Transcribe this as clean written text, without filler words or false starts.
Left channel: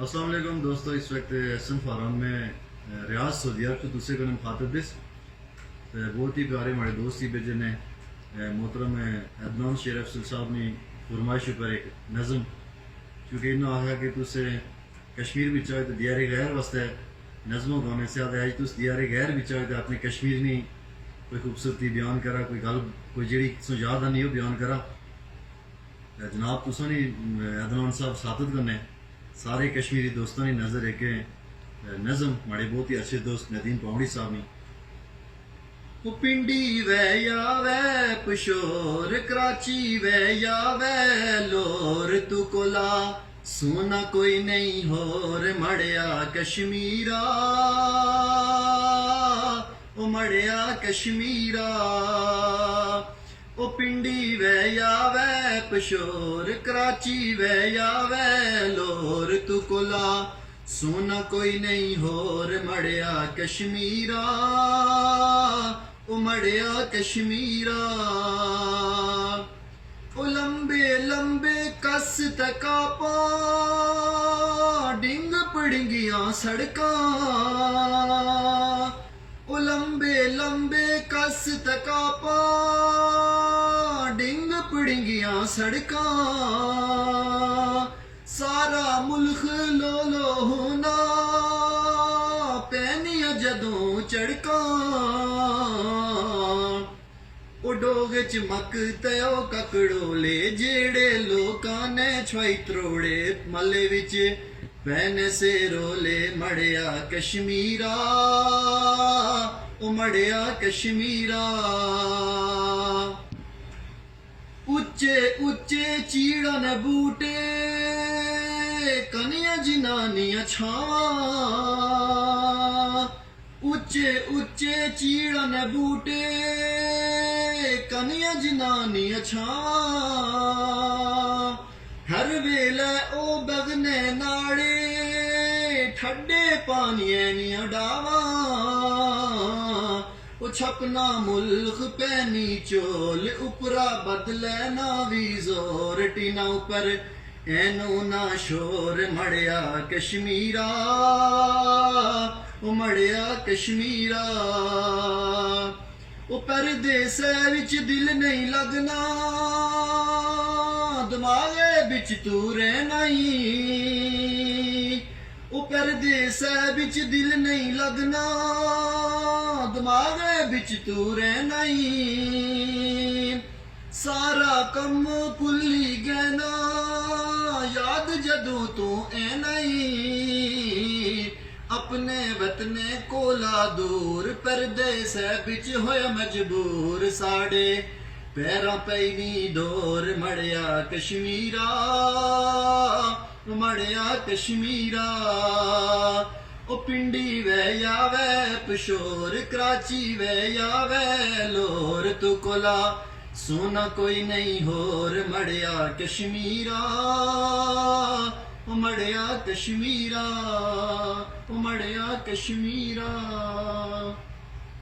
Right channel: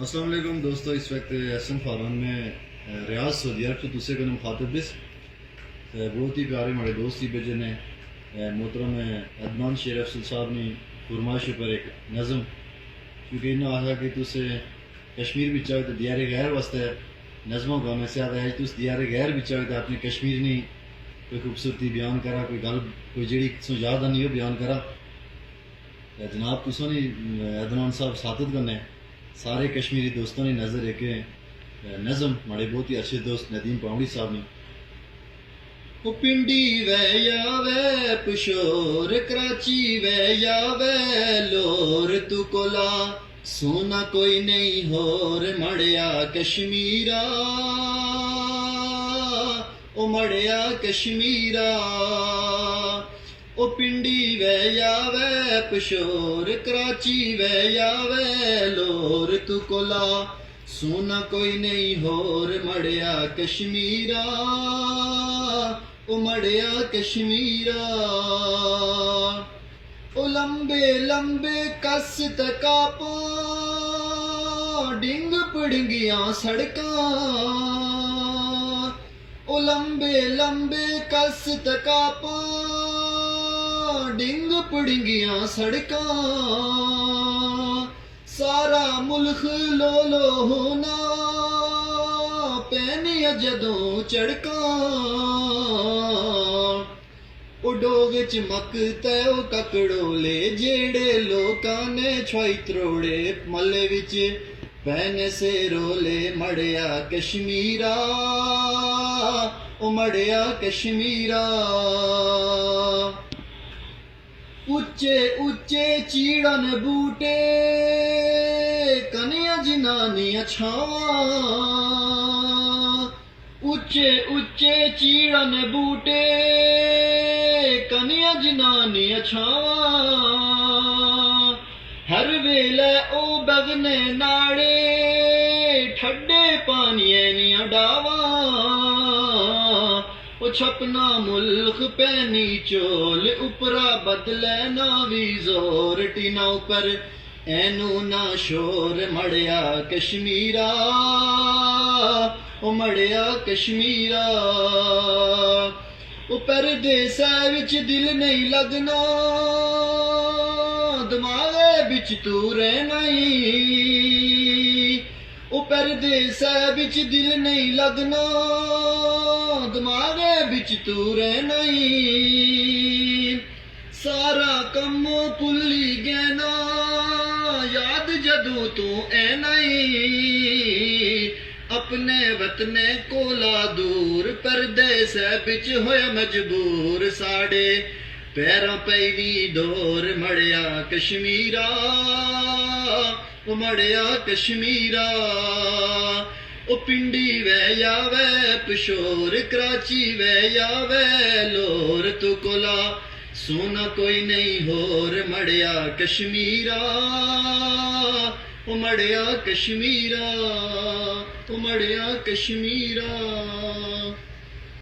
अस्सलाम वालेकुम दोस्तों, इस वक्त एहसन फारान में रियाज सऊदी अरब से तुसे को मुखातब बिस बहुत ही प्यारे हमारे दोस्त ही बेजे ने मोहतरम अदनान शेर अफसल साहब ने फरमाइश पर एक नज़म क्योंकि इन्होंने आखा कि तुसे कश्मीर भी चाहे तो दियारे गैर वास्ते नज़मों गाने से आते आज तुस दियारे गैर भी चाहे तो अपने कश्मीर ने कोई खूबसूरती बयान करा, कोई गल कोई जी सो याद आनी हो बयान करा। जनाब तुसों ने अदनान साहब सादत करने सारे कश्मीरी दोस्तों ने नज़र एक नज़म हमारे बहुत ही अच्छे दोस्त नदीम पाउंडी साहब ने वो पिंडी वे या वे पशोर कराची वे या वे लोर तू कोला सोना कोई नहीं होर मड़िया कश्मीरा ओ मड़िया कश्मीरा ओ पिंडी वे या वे पशोर कराची वे या वे लोर तू कोला सोना कोई नहीं होर मड़िया कश्मीरा ओ मड़िया कश्मीरा ओ लंबे लंबे कस तकापा डिंग पड़िंगियां सड़कां ओ लंबे लंबे कस तकापा डिंग पड़िंगियां सड़कां सारा मुल्क लो लो होना पैनिया जदों चड़कां ओ डोग चमक तयो ककड़ोले जेड़े लोकां ने छुई त्रोड़े मल्ले विच पैने से रोले मड़िया कश्मीरा ओ मड़िया कश्मीरा उच्चे उच्चे चीड़न बूटे कनिया जनानियां छावां उच्चे उच्चे चीड़न बूटे कनिया जनानियां छावां हर वेले ओ बगने नाड़े ठड्डे पानिये नियां डावां ओ छपना मुल्क पैनी चोल उपरा बदले ना भी जोर टीना ऊपर एनू ना शोर मड़िया कश्मीरा ओ मड़िया कश्मीरा ओ परदेसा विच दिल नहीं लगना दिमागे बिच तू रहना ही ओ परदेसा विच दिल नहीं लगना दिमागे बिच तू रहना ही सारा कम भुल्ली गैना याद जदों तू ऐना ही अपने वतने कोला दूर परदेस बिच होया मजबूर साड़े पैरां पैनी डोर मड़िया कश्मीरा मड़िया कश्मीरा ओ पिंडी वे या वे पशोर कराची वे या वे लोर तू कोला सोना कोई नहीं होर मड़िया कश्मीरा ओ मड़िया कश्मीरा ओ मड़िया कश्मीरा।